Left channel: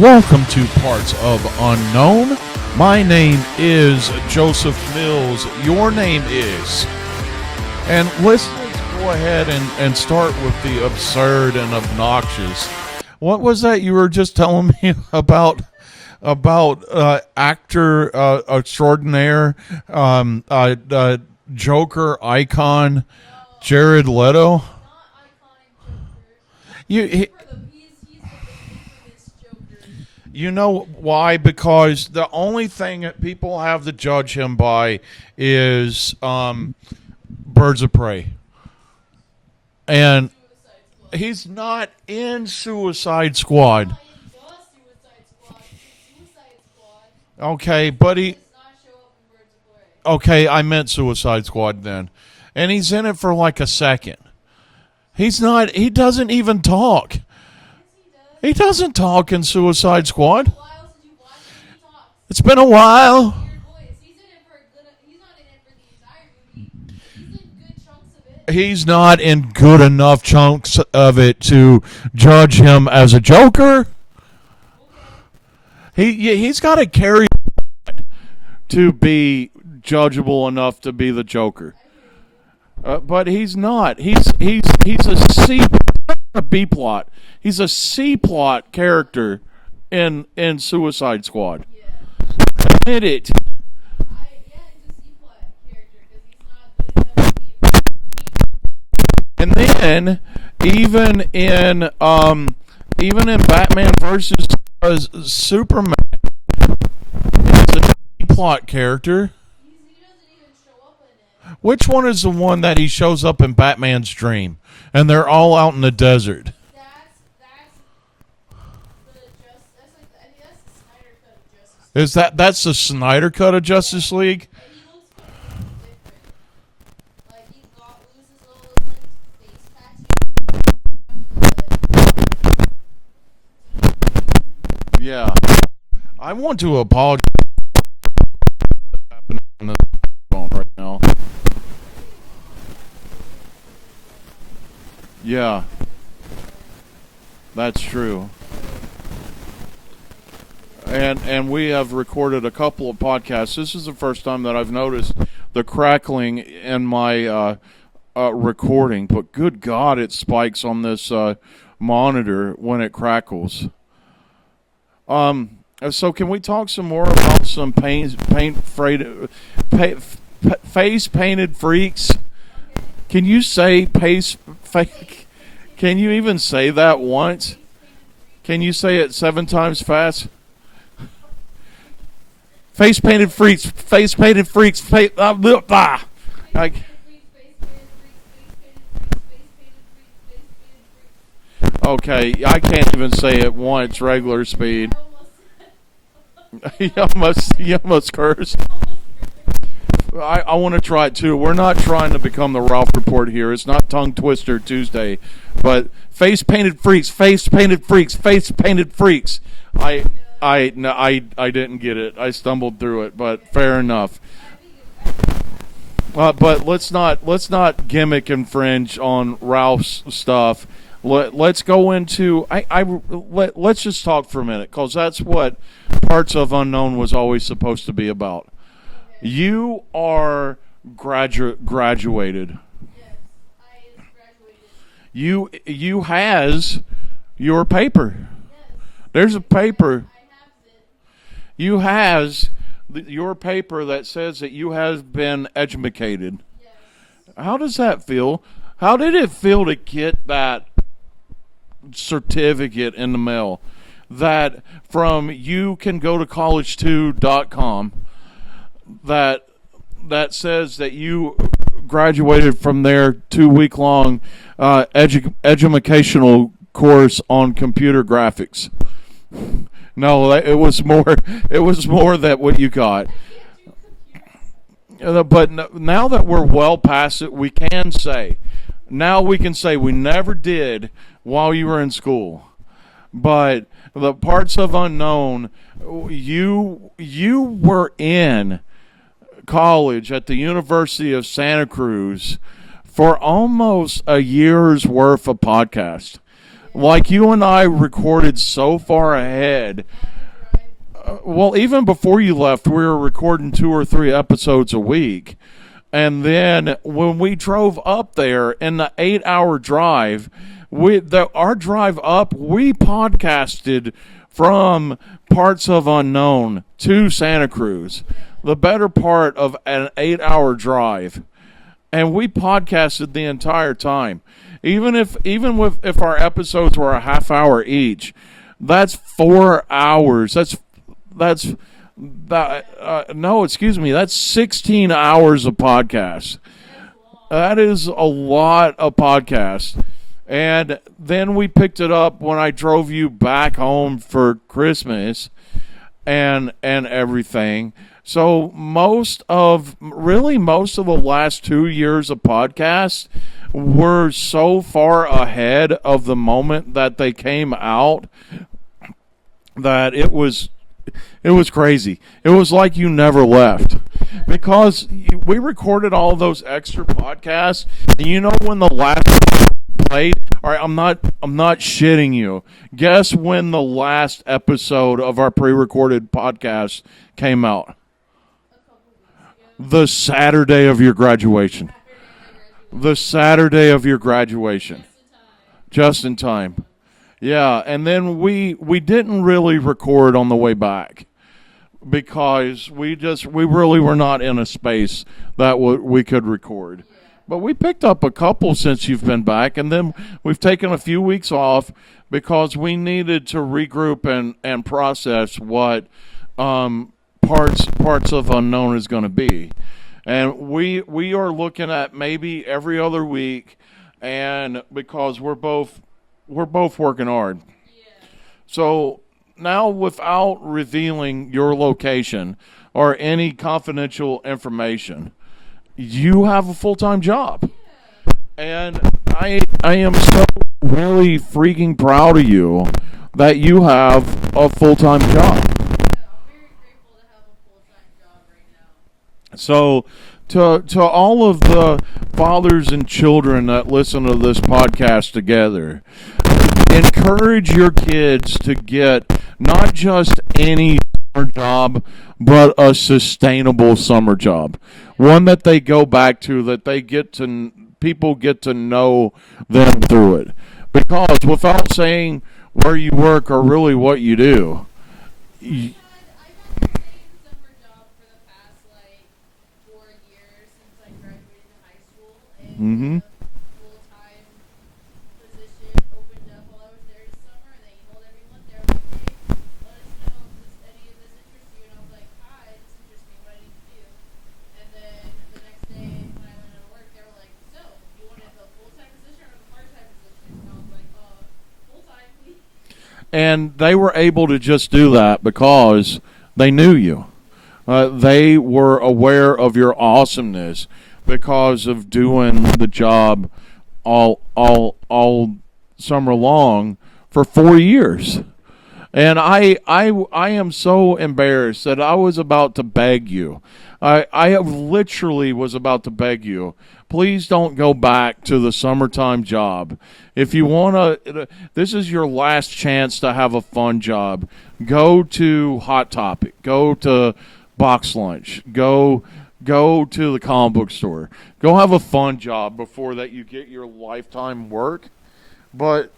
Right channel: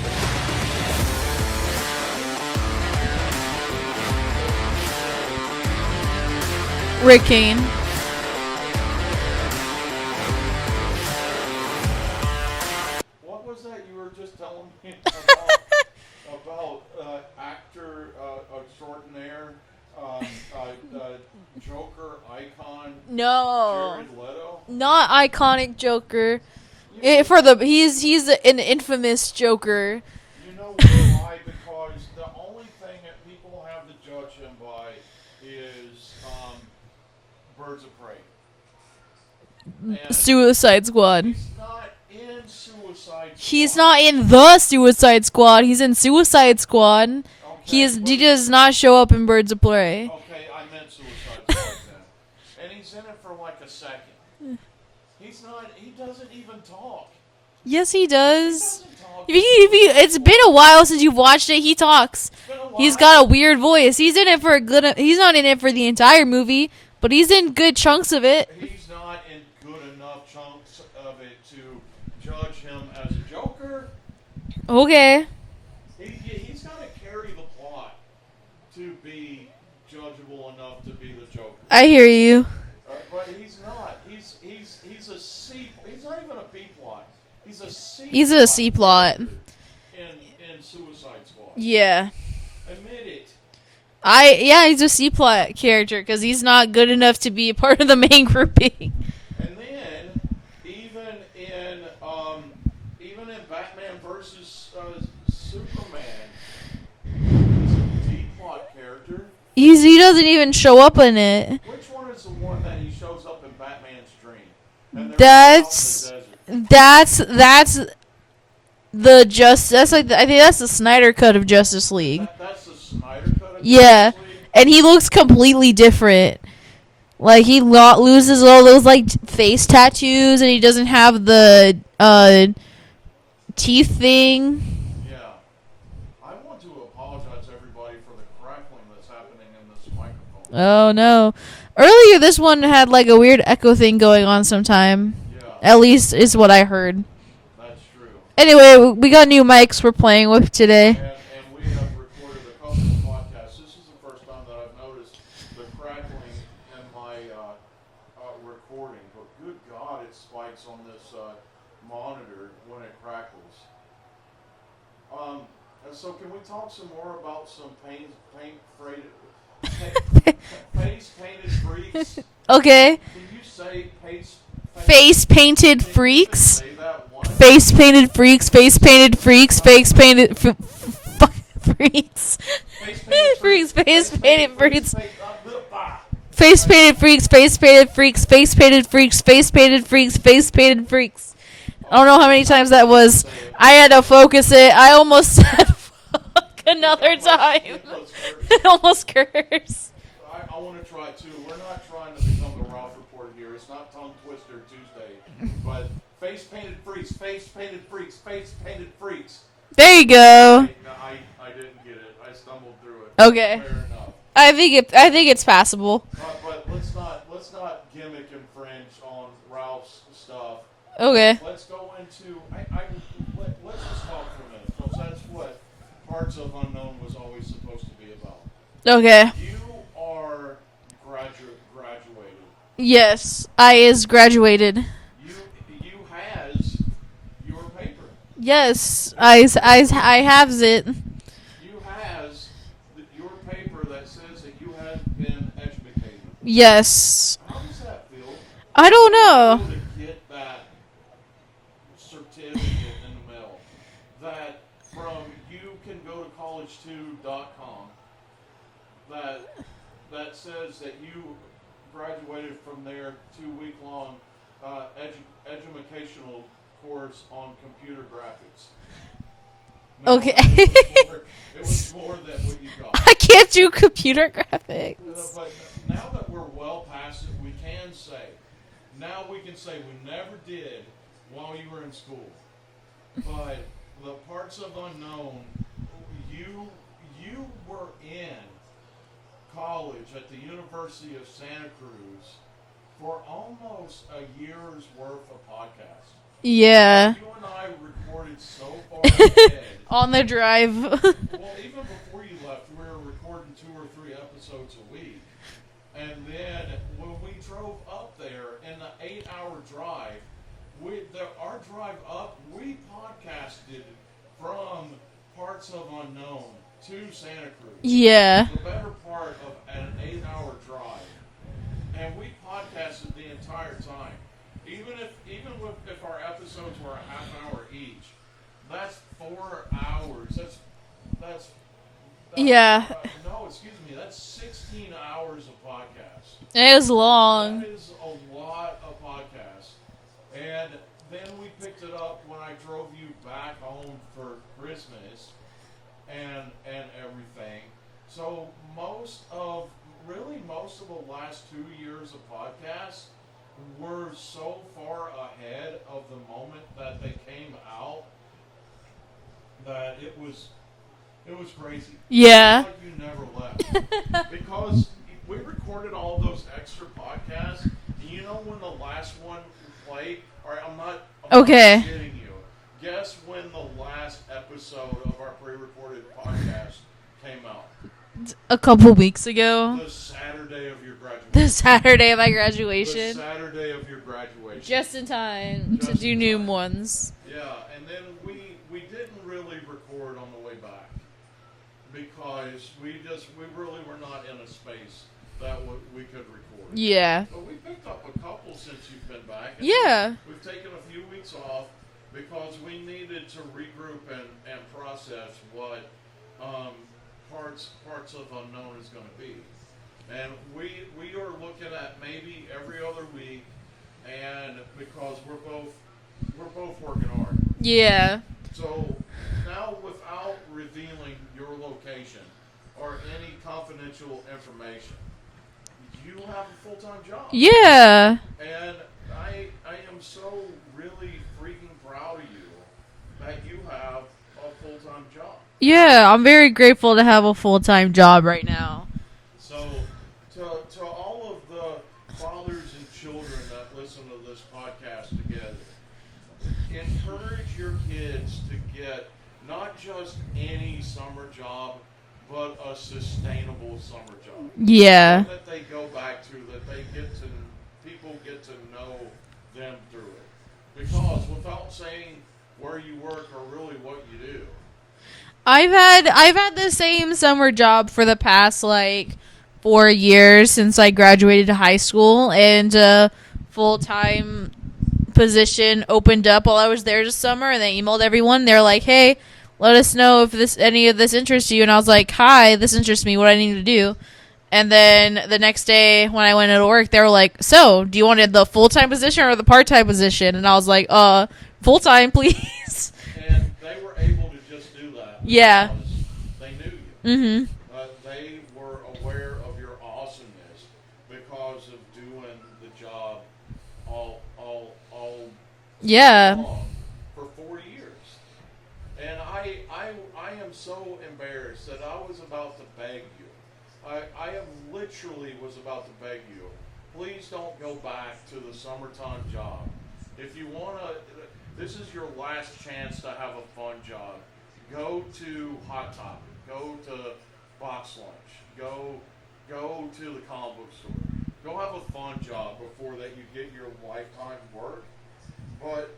Welcome to Parts of Unknown. My name is Joseph Mills. Your name is Rick Kane. And let's go ahead and start with the absurd and obnoxious. What was that you were just telling me about? About actor extraordinaire, Joker icon, No, Jared Leto. not iconic Joker. He's He's an infamous Joker. You know why? Because the only thing that people have to judge him by is Birds of Prey. And Suicide Squad. he's not in Suicide Squad. He's not in the Suicide Squad. He's in Suicide Squad. Okay, He but does not show up in Birds of Prey. Okay, I meant Suicide Squad then. And he's in it for like a second. He doesn't even talk. Yes, he does. He doesn't talk in Suicide Squad. It's been a while since you've watched it. He talks. It's been a while. He's got a weird voice. He's in it for he's not in it for the entire movie, but he's in good chunks of it. He's not in good enough chunks of it to judge him as a Joker. Okay. He's got to carry the plot to be judgeable enough to be the Joker. I hear you. But he's not. He's a C. He's not even a B plot. He's a C plot character in Suicide Squad. Yeah. Admit it. He's a C plot character because he's not good enough to be a part of the main grouping. And then even in Batman versus Superman, he's a D plot character. He doesn't even show up in it. Which one is the one that he shows up in Batman's dream, and they're all out in the desert? That's the I think that's the Snyder cut of Justice League. That's the Snyder cut of Justice League? And he looks completely different. Like he loses all those like face tattoos, and he doesn't have the teeth thing. Yeah. I want to apologize to everybody for the crackling that's happening in this microphone. Oh no. Earlier this one had like a weird echo thing going on sometime. Yeah. At least is what I heard. That's true. Anyway, we got new mics we're playing with today. And we have recorded a couple of podcasts. This is the first time that I've noticed the crackling in my recording. But good God, it spikes on this monitor when it crackles. So can we talk some more about some face painted freaks? Okay. Can you say face painted freaks? Can you even say that once? Face painted freaks. Face painted freaks. Face painted freaks. Face painted freaks. Face painted freaks. Face painted freaks. Face painted freaks. Face painted freaks. Face painted freaks. Face painted freaks. Okay, I don't know how many times that was. I had to focus it. I almost said another time. You almost cursed. I almost cursed. I want to try it too. We're not trying to become the Ralph Report here. It's not Tongue Twister Tuesday, but face painted freaks, face painted freaks, face painted freaks. There you go. I didn't get it. I stumbled through it. But okay. Fair enough. I think it's passable. But let's not gimmick and fringe on Ralph's stuff. Okay. Let's go into let's just talk for a minute, because that's what Parts of Unknown was always supposed to be about. Okay. You are graduated. Yes, I is graduated. You has your paper. Yes, There's your paper. I have it. You has your paper that says that you have been educated. Yes. How does that feel? I don't know. How did it feel to get that certificate in the mail? That from youcangotocollege2.com that says that you graduated from their 2-week-long educational course on computer graphics. No, okay. It was more that what you got. I can't do computer graphics. But now that we're well past it, we can say we never did while you were in school. But the Parts of Unknown, you were in college at the University of Santa Cruz for almost a year's worth of podcasts. Yeah. Like, you and I recorded so far ahead. On the drive. Well, even before you left, we were recording 2 or 3 episodes a week. And then when we drove up there in the 8-hour drive, our drive up, we podcasted from parts of Unknown to Santa Cruz. Yeah. The better part of an 8-hour drive. And we podcasted the entire time. Even if our episodes were a half hour each, that's 4 hours. No, excuse me. That's 16 hours of podcast. It was long. That is a lot of podcast. And then we picked it up when I drove you back home for Christmas and everything. So most of the last 2 years of podcasts were so far ahead of the moment that they came out that it was crazy. Yeah. It was like you never left. Because we recorded all those extra podcasts. And you know when the last played? All right, I'm not shitting you. Guess when the last episode of our pre-recorded podcast came out? A couple weeks ago. The Saturday of your graduation. The Saturday of my graduation. The Saturday of your graduation. Just in time. Just to in do time. New ones. Yeah, and then we didn't really record on the way back because we really were not in a space that we could record. Yeah. But we picked up a couple since you've been back, and then we've taken a few weeks off because we needed to regroup and process what parts of Unknown is going to be. And we are looking at maybe every other week, and because we're both working hard. Yeah. So now, without revealing your location or any confidential information, you have a full-time job. Yeah. And I am so really freaking proud of you that you have a full-time job. Yeah, I'm very grateful to have a full-time job right now. So to all of the fathers and children that listen to this podcast together, encourage your kids to get not just any summer job, but a sustainable summer job. Yeah. One that they go back to, that people get to know them through it. Because without saying where you work or really what you do, I've had the same summer job for the past 4 years since I graduated high school, and a full-time position opened up while I was there this summer, and they emailed everyone. They're like, "Hey, let us know if any of this interests you." And I was like, "Hi, this interests me. What do I need to do?" And then the next day when I went into work, they were like, "So, do you want the full-time position or the part-time position?" And I was like, full-time, please." And they were able to just do that because they knew you. Mm-hmm. They were aware of your awesomeness because of doing the job all summer long for 4 years. And I am so embarrassed that I was about to beg you. I literally was about to beg you, please don't go back to the summertime job. If you want to, this is your last chance to have a fun job. Go to Hot Topic. Go to Box Lunch. Go to the comic book store. Go have a fun job before that you get your lifetime work. But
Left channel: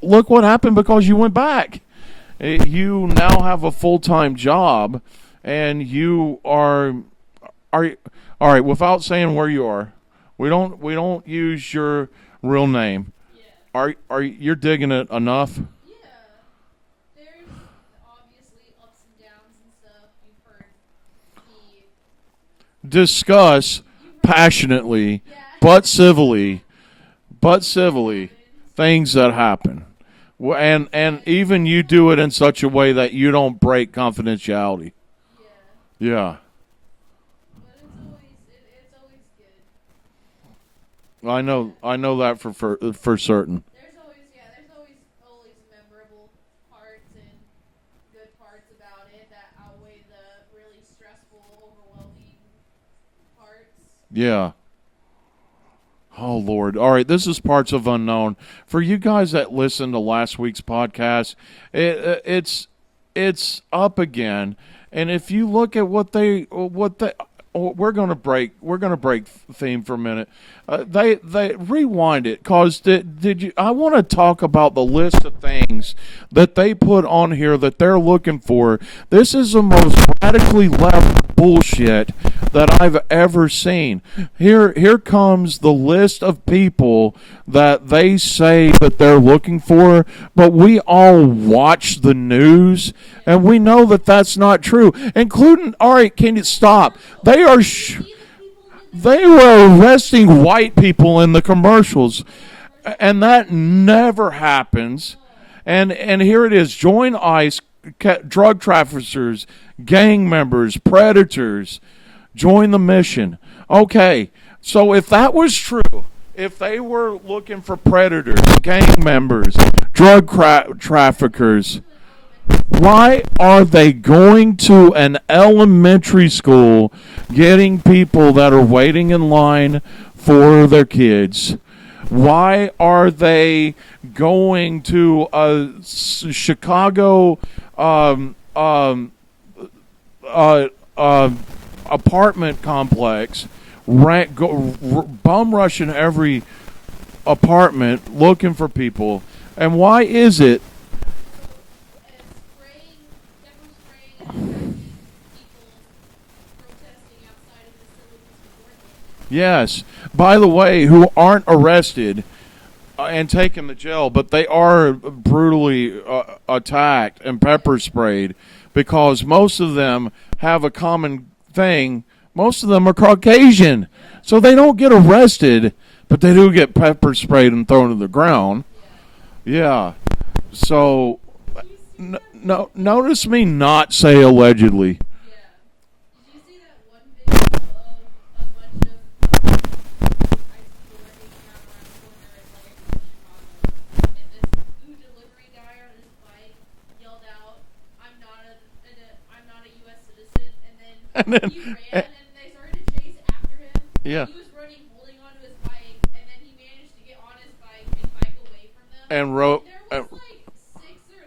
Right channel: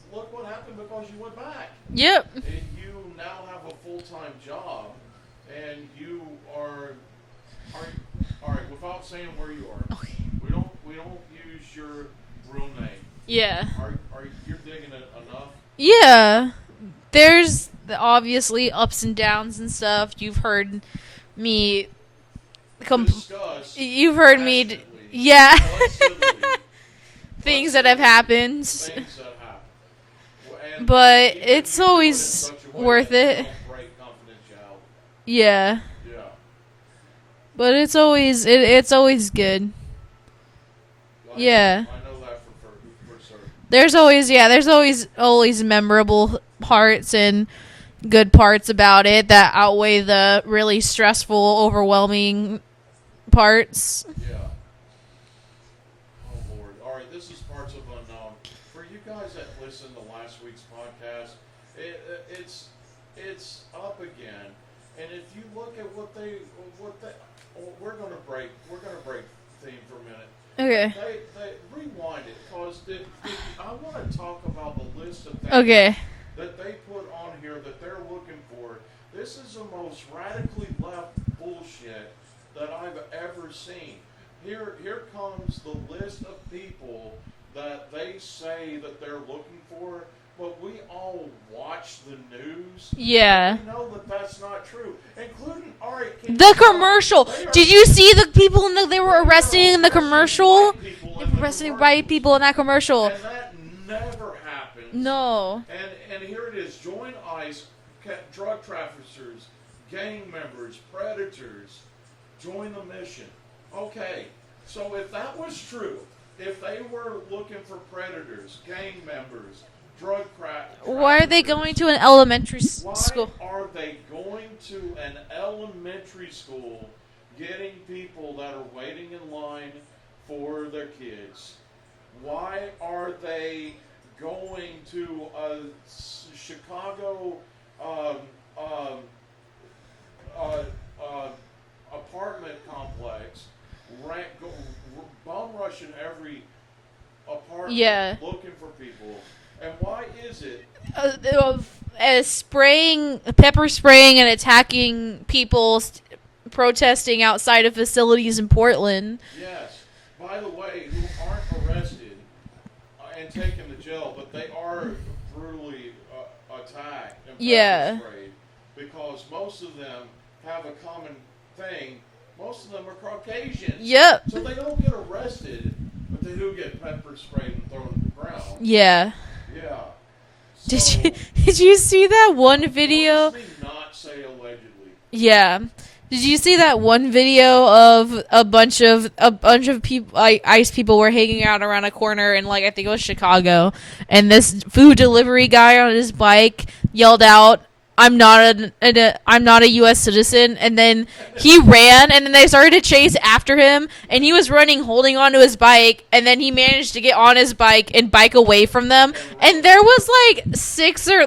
look what happened because you went back. Yep. You now have a full-time job, and you are all right. Without saying where you are, we don't use your real name. Yeah. Are you're digging it enough? Yeah. There's obviously ups and downs and stuff. You've heard me discuss you've heard passionately, but civilly. Things that have happened. Things that happen. And even it's you do it in such a way that you it. don't break confidentiality. Yeah. Yeah. But it's always good. I know that for certain. There's always memorable parts and good parts about it that outweigh the really stressful, overwhelming parts. Yeah. Oh, Lord. All right, this is Parts of Unknown. For you guys that listened to last week's podcast, it's up again. And if you look at we're gonna break theme for a minute. Okay. They rewind it, cause did you? I want to talk about the list of things that they put on here that they're looking for. This is the most radically left bullshit that I've ever seen. Here comes the list of people that they say that they're looking for, but we all watch the news, and we know that that's not true. Including, all right, can you stop? The commercial. They are. Did you see the people in the? They were arresting in the commercial. white people in the commercials. White people in that commercial, and that never happens. No. And here it is: join ICE, drug traffickers, gang members, predators. Join the mission. Okay, so if that was true. If they were looking for predators, gang members, drug traffickers... Why are they going to an elementary school? Why are they going to an elementary school getting people that are waiting in line for their kids? Why are they going to a Chicago apartment complex... bum rushing every apartment looking for people? And why is it pepper spraying and attacking people protesting outside of facilities in Portland? Yes, by the way, who aren't arrested and taken to jail, but they are brutally attacked and pepper sprayed, because most of them have a common thing. Most of them are Caucasian. Yep. So they don't get arrested, but they do get pepper sprayed and thrown to the ground. Yeah. Yeah. So did you see that one video? Notice me not say allegedly. Yeah. Did you see that one video of a bunch of people, ICE people were hanging out around a corner in, like, I think it was Chicago, and this food delivery guy on his bike yelled out, I'm not a U.S. citizen," and then he ran, and then they started to chase after him, and he was running, holding onto his bike, and then he managed to get on his bike and bike away from them, and there was like six or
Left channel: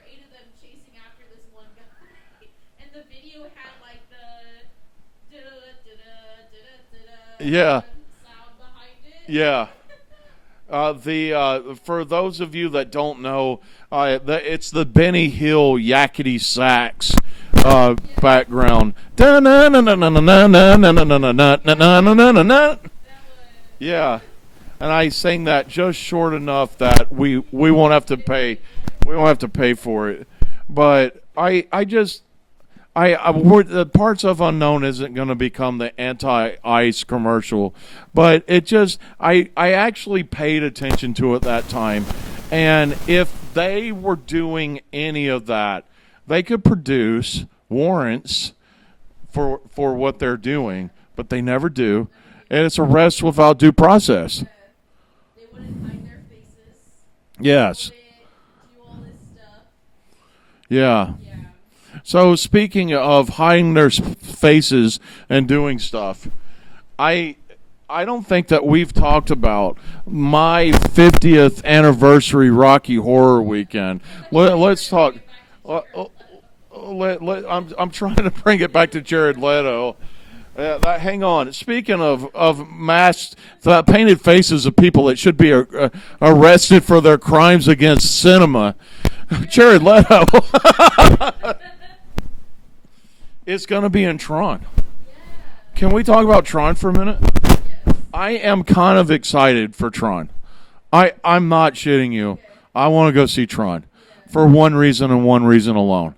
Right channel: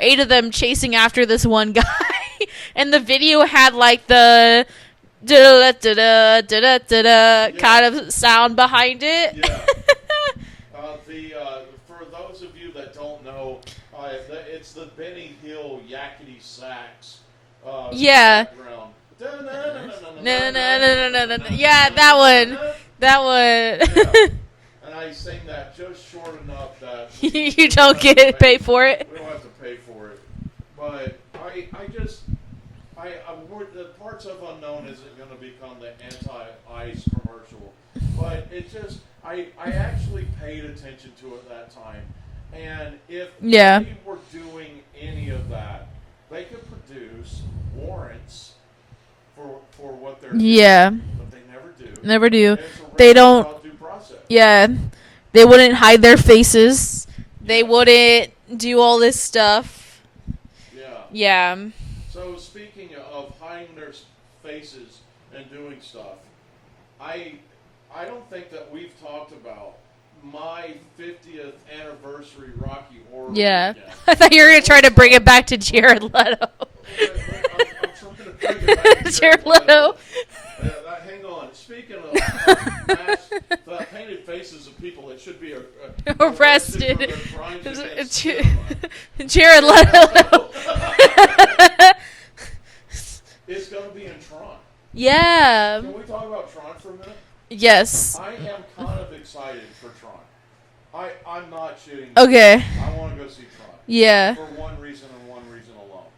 eight of them chasing after this one guy, and the video had like the kind of sound behind it. Yeah. For those of you that don't know, it's the Benny Hill yakety sax background. That one. Yeah. And I sang that just short enough that we you won't don't have get to it, pay for it. We won't have to pay for it. But the Parts of Unknown isn't going to become the anti-ICE commercial, but it just I actually paid attention to it that time, and if they were doing any of that, they could produce warrants for what they're doing. Yeah, but they never do. Never do. And it's arrest without due process. Yeah, they wouldn't hide their faces. Yes. They wouldn't do all this stuff. Yeah. Yeah. So speaking of hiding their faces and doing stuff, I don't think that we've talked about my 50th anniversary Rocky Horror Weekend. I thought you were going to try to bring it back to Jared Leto. I'm trying to bring it back to Jared Leto. Hang on. Speaking of masked, painted faces of people that should be arrested for their crimes against cinema. Jared Leto. It's going to be in Tron. Yeah. Can we talk about Tron for a minute? Yes. I am kind of excited for Tron. I'm not shitting you. Okay. I want to go see Tron. Yeah. For one reason and one reason alone.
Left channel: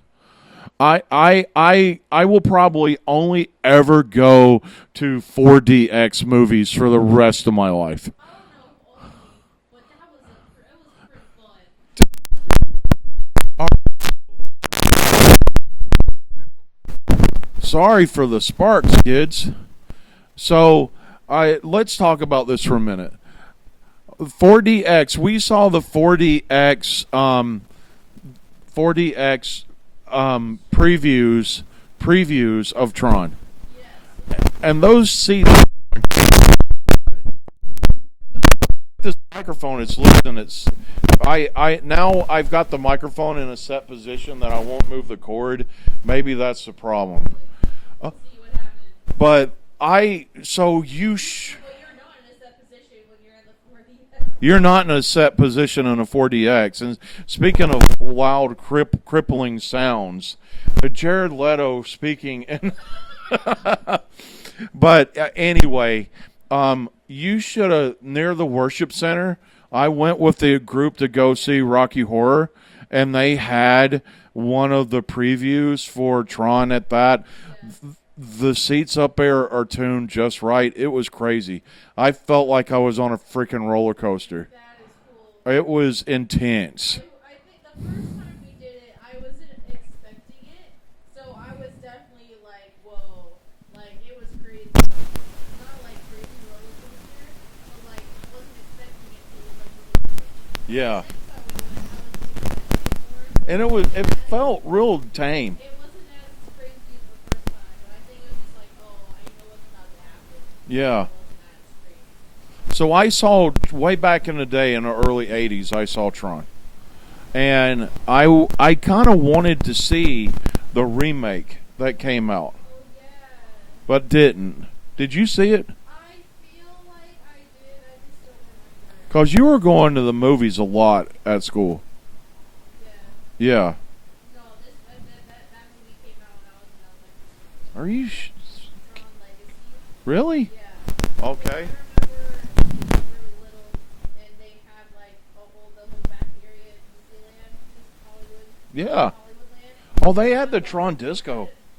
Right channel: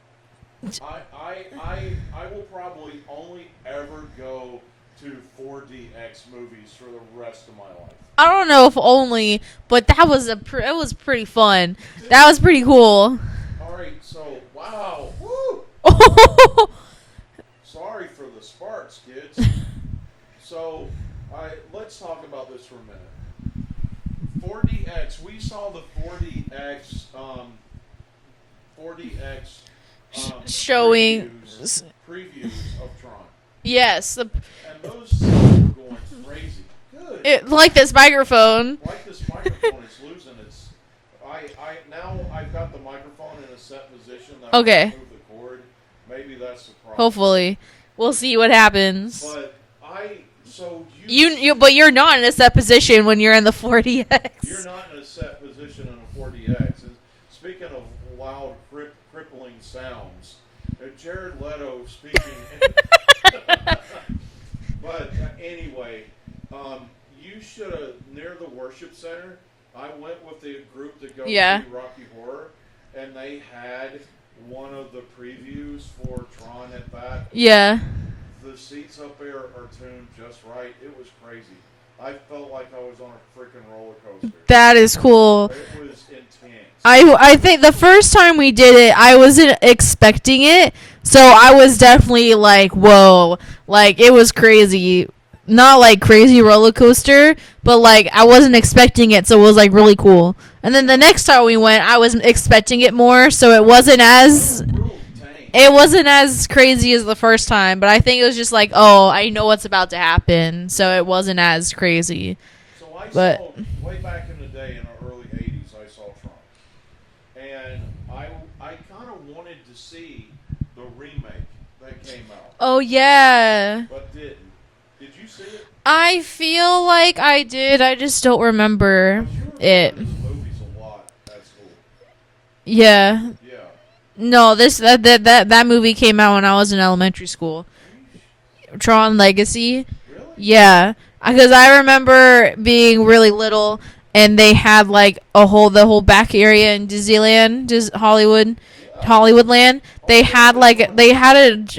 I will probably only ever go to 4DX movies for the rest of my life. I don't know if only, but that was it was pretty fun. That was pretty cool. All right, so wow. Sorry for the sparks, kids. So, let's talk about this for a minute. 4DX. We saw the 4DX previews of Tron. Yes. And those scenes were going. It Like this microphone. Like this microphone, it's loose and it's. Now I've got the microphone in a set position that I can move the cord. Maybe that's the problem. Hopefully, we'll see what happens. But but you're not in a set position when you're in the 4DX. You're not in a set position in a 4DX. And speaking of loud, crippling sounds, Jared Leto speaking. But anyway, you should have, near the worship center, I went with the group to go see Rocky Horror, and they had one of the previews for Tron at that. Yeah. The seats up there are tuned just right. It was crazy. I felt like I was on a freaking roller coaster. That is cool. It was intense. I think the first time we did it, I wasn't expecting it, so I was definitely like, whoa. Like, it was crazy. Not like crazy roller coaster, but like I wasn't expecting it, so it was like really cool. And then the next time we went, I wasn't expecting it more, so it wasn't as real tame. It wasn't as crazy as the first time, but I think it was just like, oh, I know what's about to happen, so it wasn't as crazy. So I saw way back in the day in the early '80s, I saw Tron, and I kind of wanted to see the remake that came out. Oh yeah, but didn't. Did you see it? I feel like I did. I just don't remember. Because you were going to the movies a lot at school. Yeah. Yeah. No, that movie came out when I was in elementary school. Are you Tron Legacy? Really? Yeah. Because I remember being really little, and they had like the whole back area in Disneyland, Hollywood. Yeah. Hollywoodland. They had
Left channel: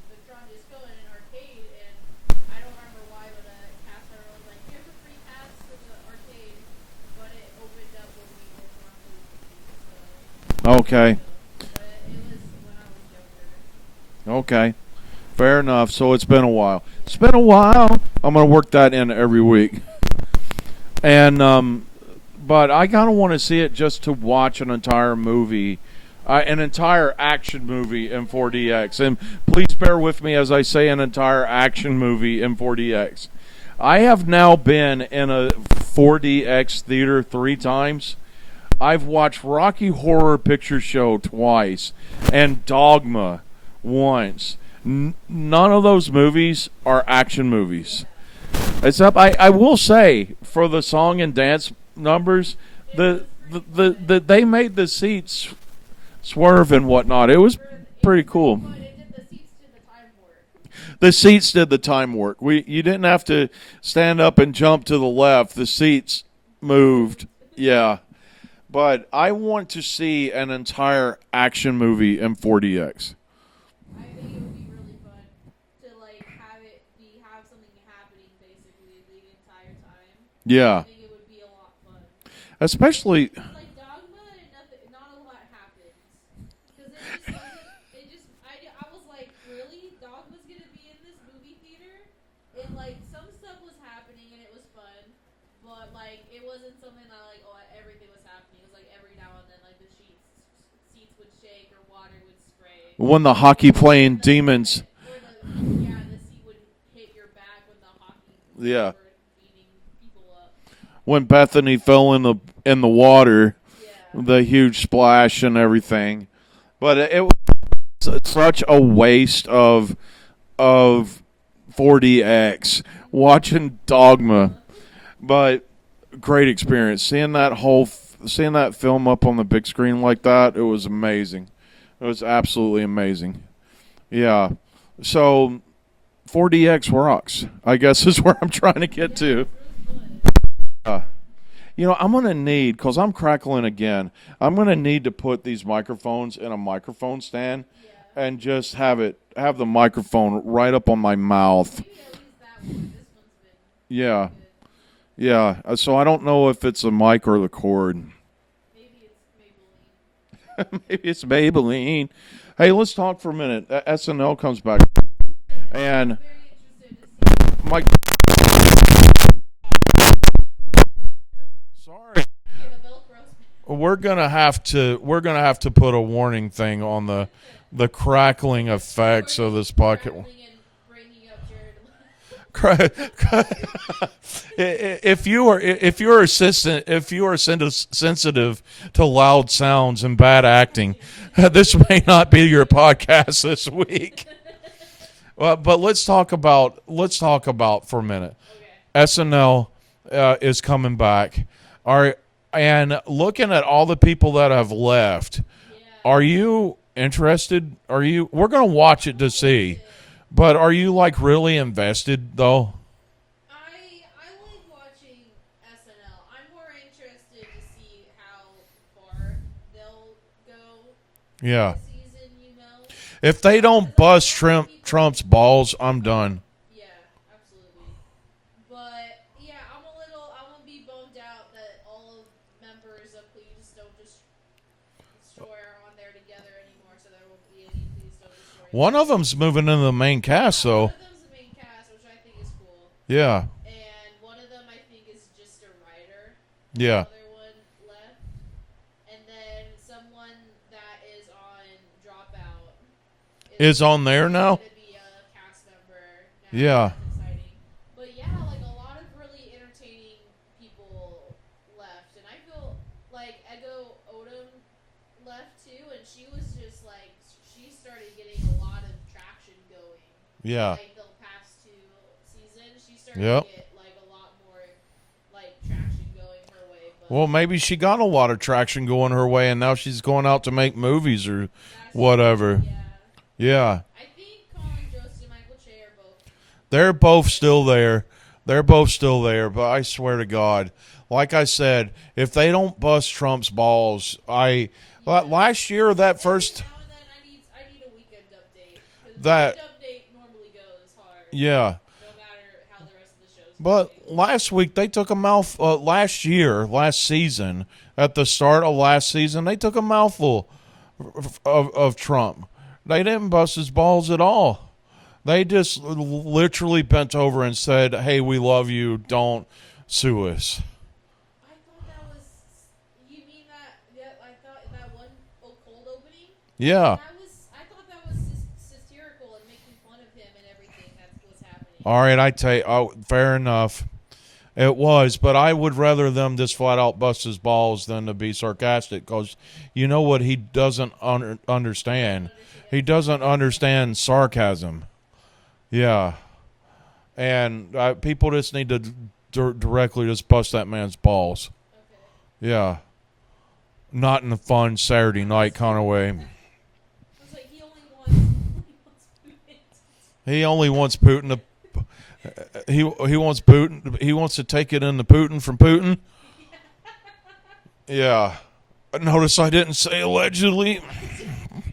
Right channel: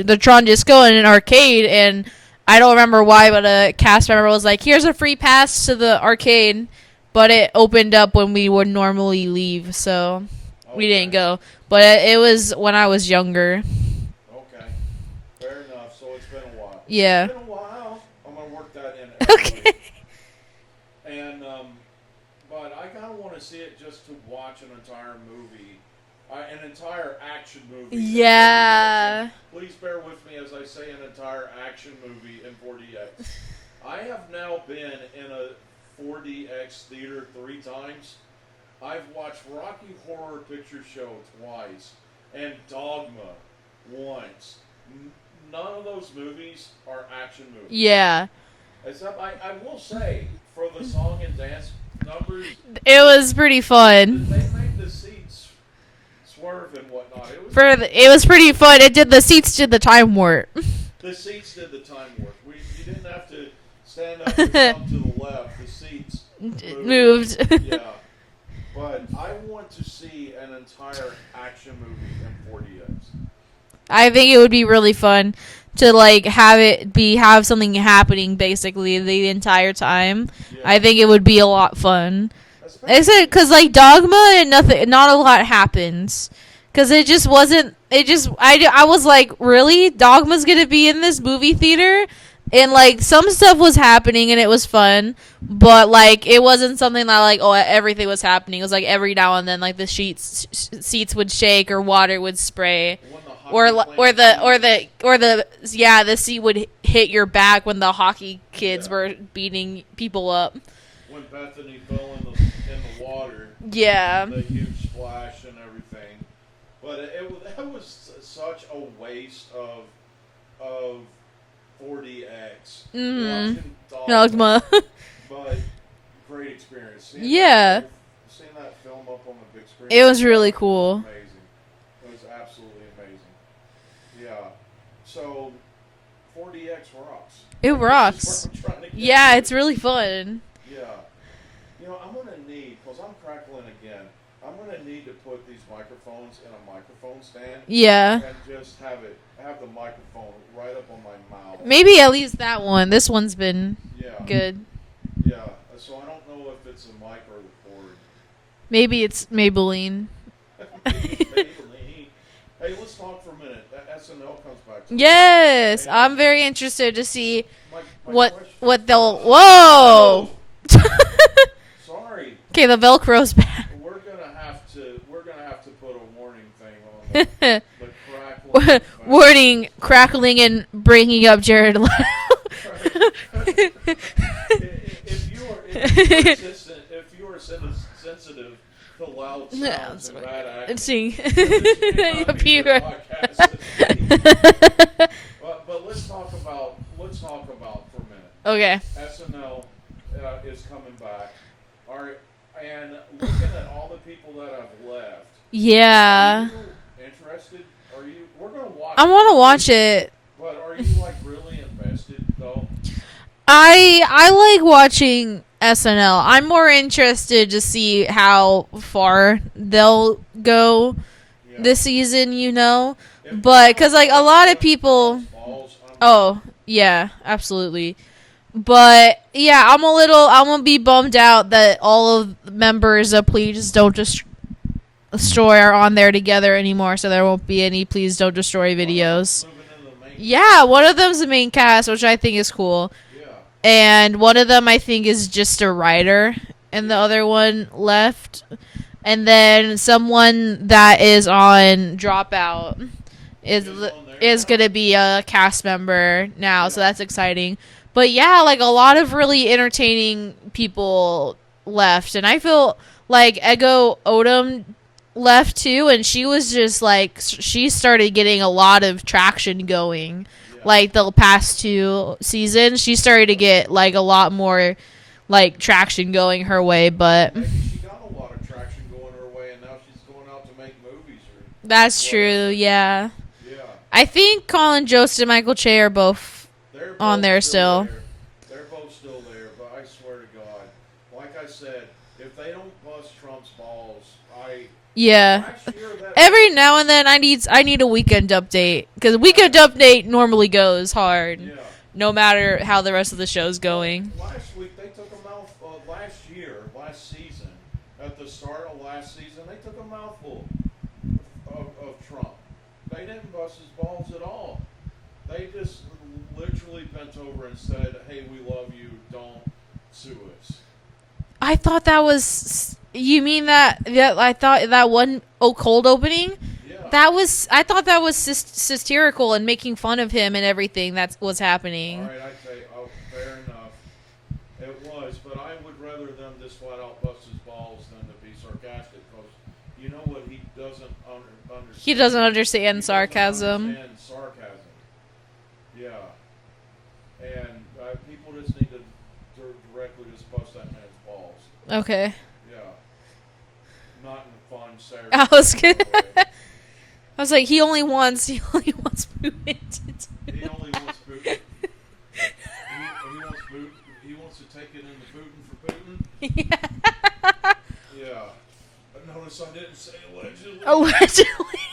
the Tron Disco in an arcade, and I don't remember why, but a cast member was like, here's a free pass to the arcade, but it opened up when we would normally leave, so we didn't go. But it was when I was younger. Okay. Fair enough. So it's been a while. Yeah. It's been a while. I'm going to work that in every week. And, but I kind of want to see it just to watch an entire movie. An entire action movie in 4DX. And please bear with me as I say an entire action movie in 4DX. I have now been in a 4DX theater 3 times. I've watched Rocky Horror Picture Show twice and Dogma once. None of those movies are action movies. Yeah. Except I will say, for the song and dance numbers, it was pretty fun. They made the seats swerve and whatnot. It was pretty cool. fun. The seats did the time warp. The seats did the time work. You didn't have to stand up and jump to the left. The seats moved. Yeah. But I want to see an entire action movie in 4DX. I think it would be really fun to like have something happening basically the entire time. Yeah. I think it would be a lot fun. Especially because like Dogma and not a lot happens. Because it just wasn't. I was like, really? Dogma's gonna be in this movie theater? And like some stuff was happening and it was fun, but like it wasn't something that like everything was happening. It was like every now and then like the seats would shake or water would spray. When the hockey playing the seat would hit your back when the hockey kids were beating people up. When Bethany fell in the water. Yeah. The huge splash and everything. But it was such a waste of 4DX watching Dogma. But great experience seeing that film up on the big screen. It was really cool. It was amazing. It was absolutely amazing. Yeah. So 4DX rocks. I guess is where I'm trying to get to. Yeah, it's really fun. Yeah. You know, I'm going to need, because I'm crackling again, I'm going to need to put these microphones in a microphone stand. Yeah. And just have the microphone right up on my mouth. Maybe at least that one. This one's been good. Yeah. So I don't know if it's a mic or the cord. Maybe it's Maybelline. Maybe it's Maybelline. Hey, let's talk for a minute. SNL comes back. Yes. And I'm very interested to see what they'll... Whoa! Sorry. Okay, the Velcro's back. We're gonna have to put a warning thing on the crackling effects. Warning, of this podcast. crackling and bringing up Jared Leto. if you are sensitive to loud sounds and bad acting, this may not be your podcast this week. But let's talk about for a minute. Okay. SNL is coming back. And looking at all the people that have left. Yeah. Are you interested? We're going to watch it. I want to watch it. But are you like really invested though? I like watching SNL. I'm more interested to see how far they'll go this season, If they don't because bust like a lot of people Trump's balls, I'm done. Oh, yeah, absolutely. But yeah, I'm gonna be bummed out that all of the members of Please Don't Destroy are on there together anymore, so there won't be any Please Don't Destroy videos. One of them's moving into the main cast. Yeah, though. one of them's the main cast, which I think is cool. Yeah. And one of them I think is just a writer, and the Yeah. other one left. And then someone that is on Dropout is on there is now? going to be a cast member now, so Yeah. that's exciting. But yeah, like a lot of really entertaining people left, and I feel like Ego Odom left too, and she was just like she started getting a lot of traction going. Yeah. Like the past 2 seasons, she started to get like a lot more like traction going her way. But well, maybe she got a lot of traction going her way, and now she's going out to make movies or that's whatever. true. Yeah. Yeah. I think Colin Jost and Michael Che are both. They're both there still still. there. They're both still there, but I swear to God, like I said, if they don't bust Trump's balls, last year that every first, now and then I need a weekend update because weekend update normally goes hard. Yeah. No matter how the rest of the show's going. But last week they took a last season, at the start of last season, they took a mouthful of Trump. They didn't bust his balls at all. They just literally bent over and said, "Hey, we love you. Don't sue us." I thought that was. You mean that? Yeah, I thought that one cold opening. Yeah. I thought that was satirical and making fun of him and everything that was happening. All right, I tell you, fair enough. It was, but I would rather them just flat out bust his balls than to be sarcastic, because you know what he doesn't understand. He doesn't understand sarcasm. He doesn't understand sarcasm. Yeah. And people just need to directly just bust that man's balls. Okay. Yeah. Not in a fun Saturday night kind of way. I was like, he only wants Putin. He only wants Putin to he wants Putin. He wants to take it in the Putin from Putin. Yeah. Yeah. Notice I didn't say allegedly. Allegedly.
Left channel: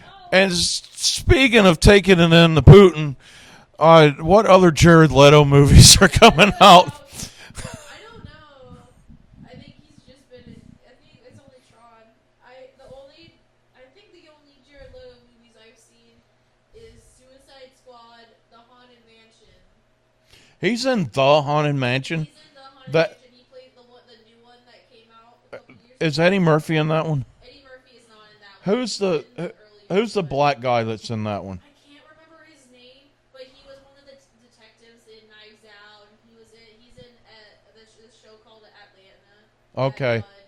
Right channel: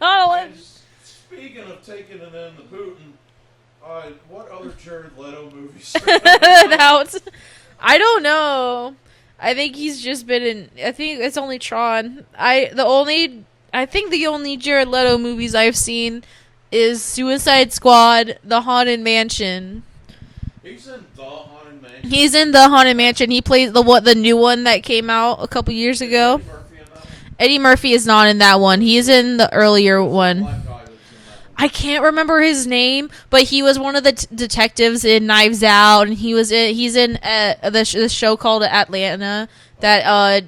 Not And speaking of taking it in the Putin, what other Jared Leto movies are coming out? I don't know. I think he's just been in. I think it's only Tron. I think the only Jared Leto movies I've seen is Suicide Squad, The Haunted Mansion. He's in The Haunted Mansion. He's in The Haunted Mansion. He plays the new one that came out a couple years ago. Is Eddie Murphy in that one? Eddie Murphy is not in that one. He's in the earlier who's one. The black guy that's in that one. I can't remember his name, but he was one of the detectives in Knives Out, and he's in the show called Atlanta. That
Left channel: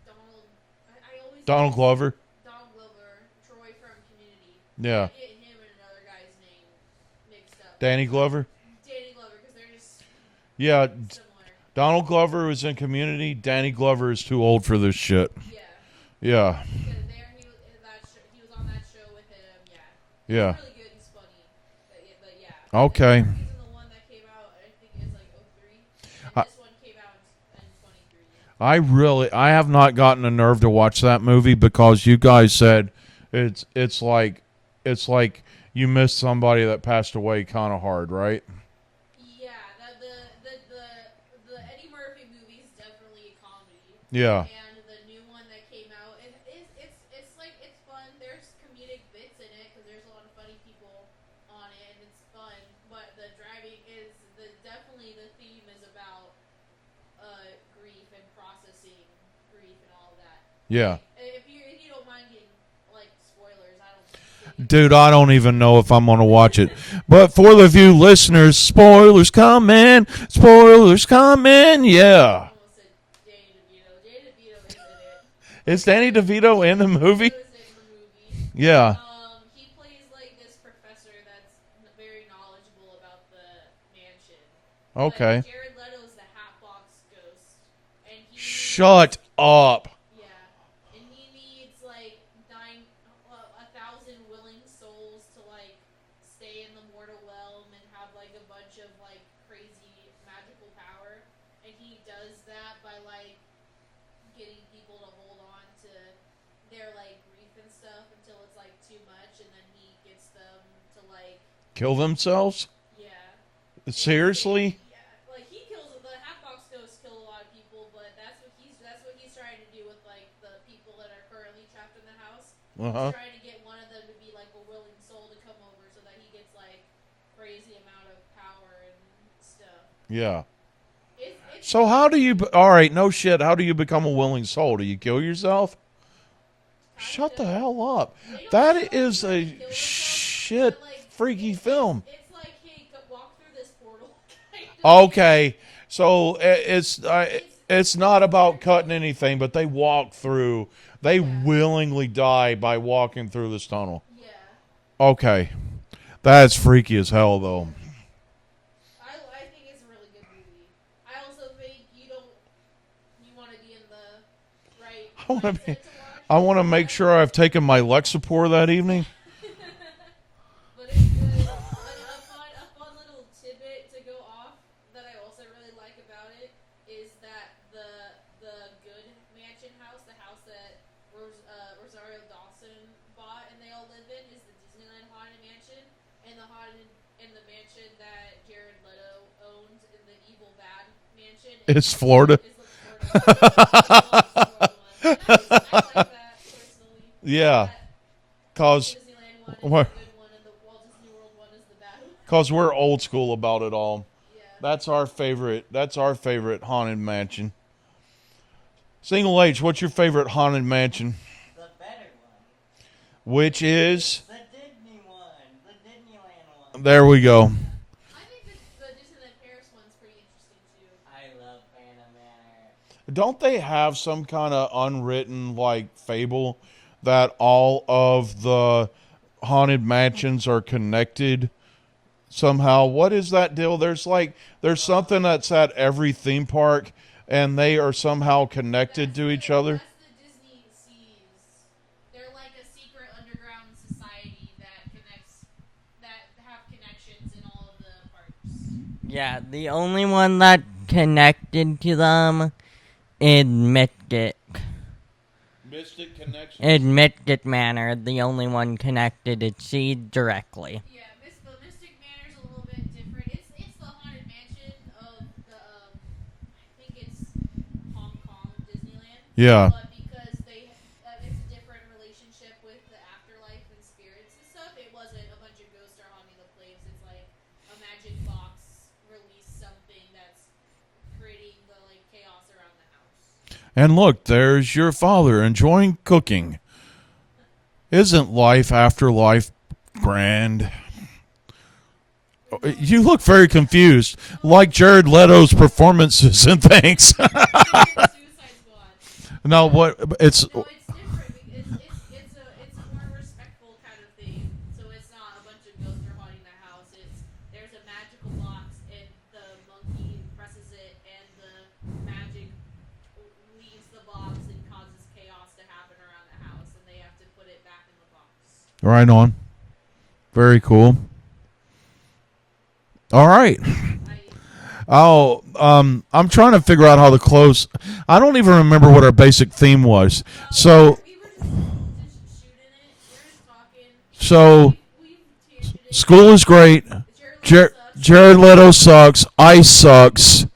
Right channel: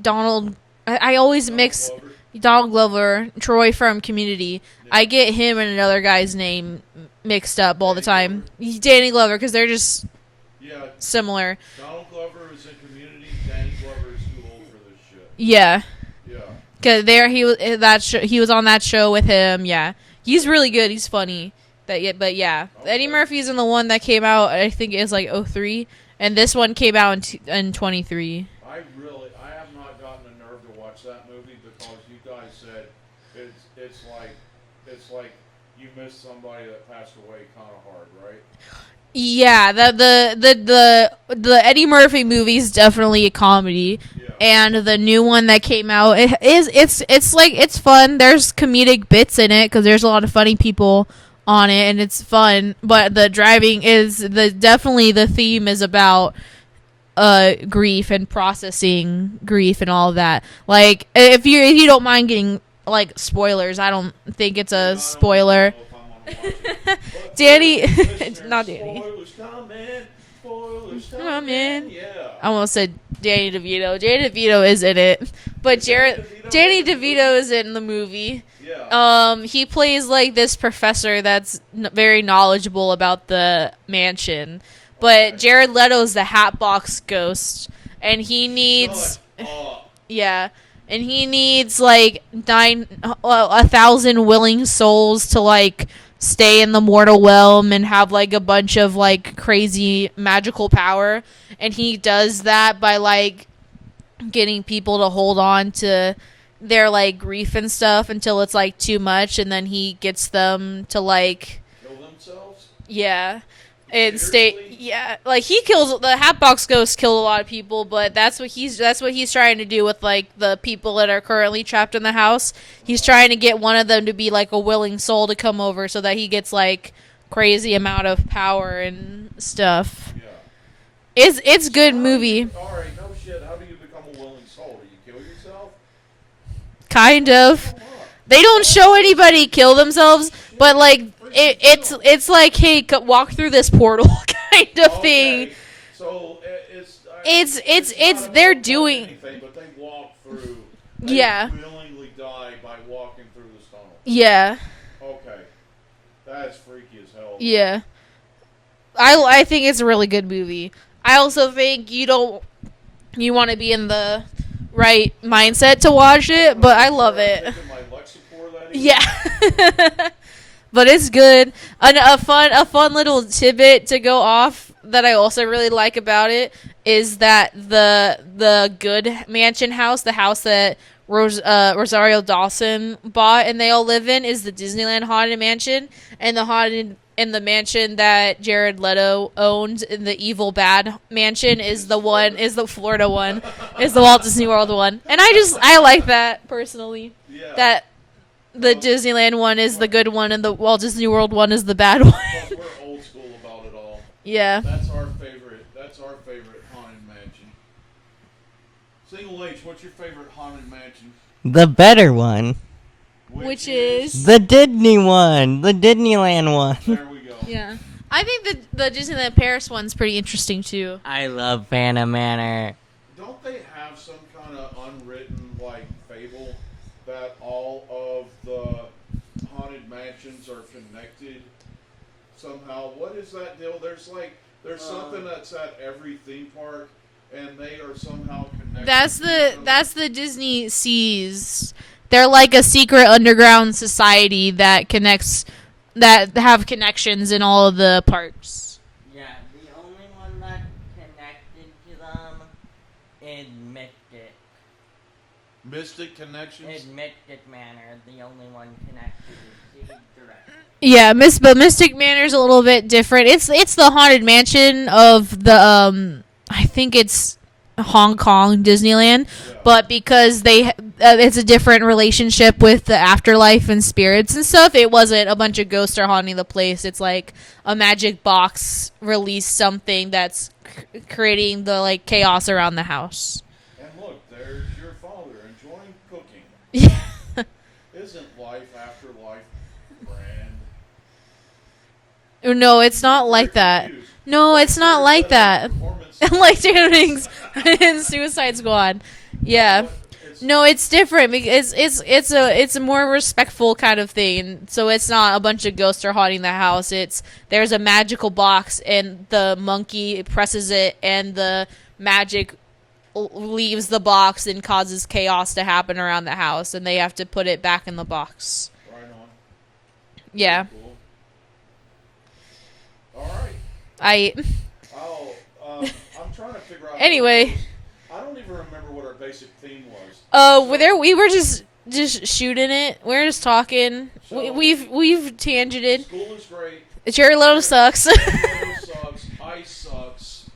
Donald. I always mix Glover. Donald Glover, Troy from Community. Yeah. I get him and another guy's name mixed up all the time. Glover? Danny Glover, because they're just similar. Donald Glover was in Community. Danny Glover is too old for this shit. Yeah. Yeah. Because he was on that show with him. Yeah, he's really good. He's funny. But yeah, Okay. Eddie Murphy's in the one that came out. I think it's like 2003, and this one came out in 23. I have not gotten the nerve to watch that movie because you guys said it's like you missed somebody that passed away kind of hard, right? Yeah, the Eddie Murphy movie is definitely a comedy. Yeah. And the new one that came out it's fun. There's comedic bits in it because there's a lot of funny people on it, and it's fun. But the driving is definitely the theme is about grief and processing grief and all of that. Like if you don't mind getting like spoilers. I don't think it's Dude, a I don't spoiler. even know if I'm going to watch it. But for Danny- the few listeners, Not spoilers coming. Spoilers coming. I Yeah. almost said Danny DeVito. Danny DeVito is in it. But Is Danny DeVito Danny in the DeVito movie? is in the movie. Yeah. He plays like this professor that's very knowledgeable about the mansion. But Okay. Jared Leto's the Hatbox Ghost, and he needs Shut up. yeah, and he needs like 1,000 willing souls to like stay in the mortal realm and have like a bunch of like crazy magical power, and he does that by like getting people to hold on to their like grief and stuff until it's like too much, and then he gets them to like Kill themselves? yeah. Seriously? Yeah, like he kills the Hatbox Ghost killed a lot of people, but that's what he's trying to do with like the people that are currently trapped in the house. He's trying to get one of them to be like a willing soul to come over so that he gets like crazy amount of power and stuff. Yeah. It's So good how do movie. you, all right, no shit. How do you become a willing soul? Do you kill yourself? Kind Shut the of. hell up. They don't That show is anybody a kill themselves, shit but like freaking film. it's like hey, walk through this portal kind of thing. Okay, so it's not it's- about they're cutting doing- anything, but they walk through. They Yeah. willingly die by walking through this tunnel. Yeah. Okay, that's freaky as hell, though. Yeah. I think it's a really good movie. I also think you want to be in the right mindset to watch I it, want to but make I sure love I've it. taken my Lexapro that evening. Yeah. But it's good. A fun little tidbit to go off that I also really like about it is that the good mansion house, the house that Rosario Dawson bought and they all live in, is the Disneyland Haunted Mansion, and the mansion that Jared Leto owned in the Evil Bad Mansion is the Florida one, is the Walt Disney World one, and I like that personally. Yeah. That the 'Cause- Disneyland one is What? the good one, and the Walt Disney World one is the bad one. Because we're old school about it all. Yeah. That's our favorite. That's our favorite haunted mansion. Single H, what's your favorite haunted mansion? The better one. Which Which is? is- The Disney one. The Disneyland one. There we go. Yeah. I think the Disneyland Paris one's pretty interesting too. I love Phantom Manor. Don't they have some kind of unwritten like fable that all of the haunted mansions are connected somehow? What is that deal? There's something that's at every theme park, and they are somehow connected to each other. That's the Disney Seas. They're like a secret underground society that have connections in all of the parks. Yeah, the only one that connected to them is Mystic. Mystic connections. In Mystic Manor, the only one connected is Seed directly. Yeah, but Mystic Manor's a little bit different. It's the haunted mansion of the I think it's Hong Kong Disneyland. Yeah. But because it's a different relationship with the afterlife and spirits and stuff, it wasn't a bunch of ghosts are haunting the place. It's like a magic box released something that's creating the like chaos around the house. And look, there's your father enjoying cooking. Isn't life after life grand? No, it's you not look very like that. confused. No, like it's Jared not like Leto's that. performances Like and things things. in Suicide Squad. No, Yeah. what it's No, it's different because it's a more respectful kind of thing. So it's not a bunch of ghosts are haunting the house. There's a magical box and the monkey presses it and the magic leaves the box and causes chaos to happen around the house, and they have to put it back in the box. right on. Very Yeah. cool. All right. I'm trying to figure out how Anyway. to close. I don't even remember what our basic theme was. Oh, so we were just shooting it. We're just talking. So We've tangented. school is great. Jared Leto sucks. Jared Leto sucks. Ice sucks.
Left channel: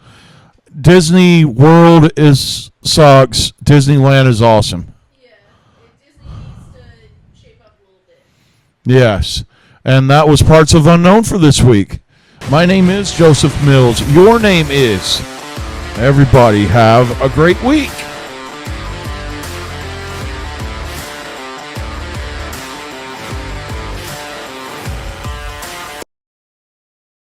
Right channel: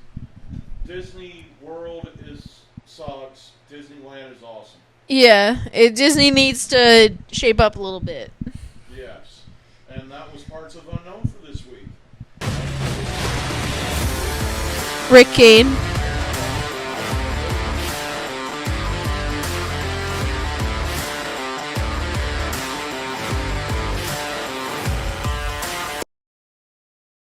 Disney World sucks. Disneyland is awesome. Yeah, Disney needs to shape up a little bit. Yes. And that was Parts of Unknown for this week. My name is Joseph Mills. Your name is Rick Kane. Everybody have a great week.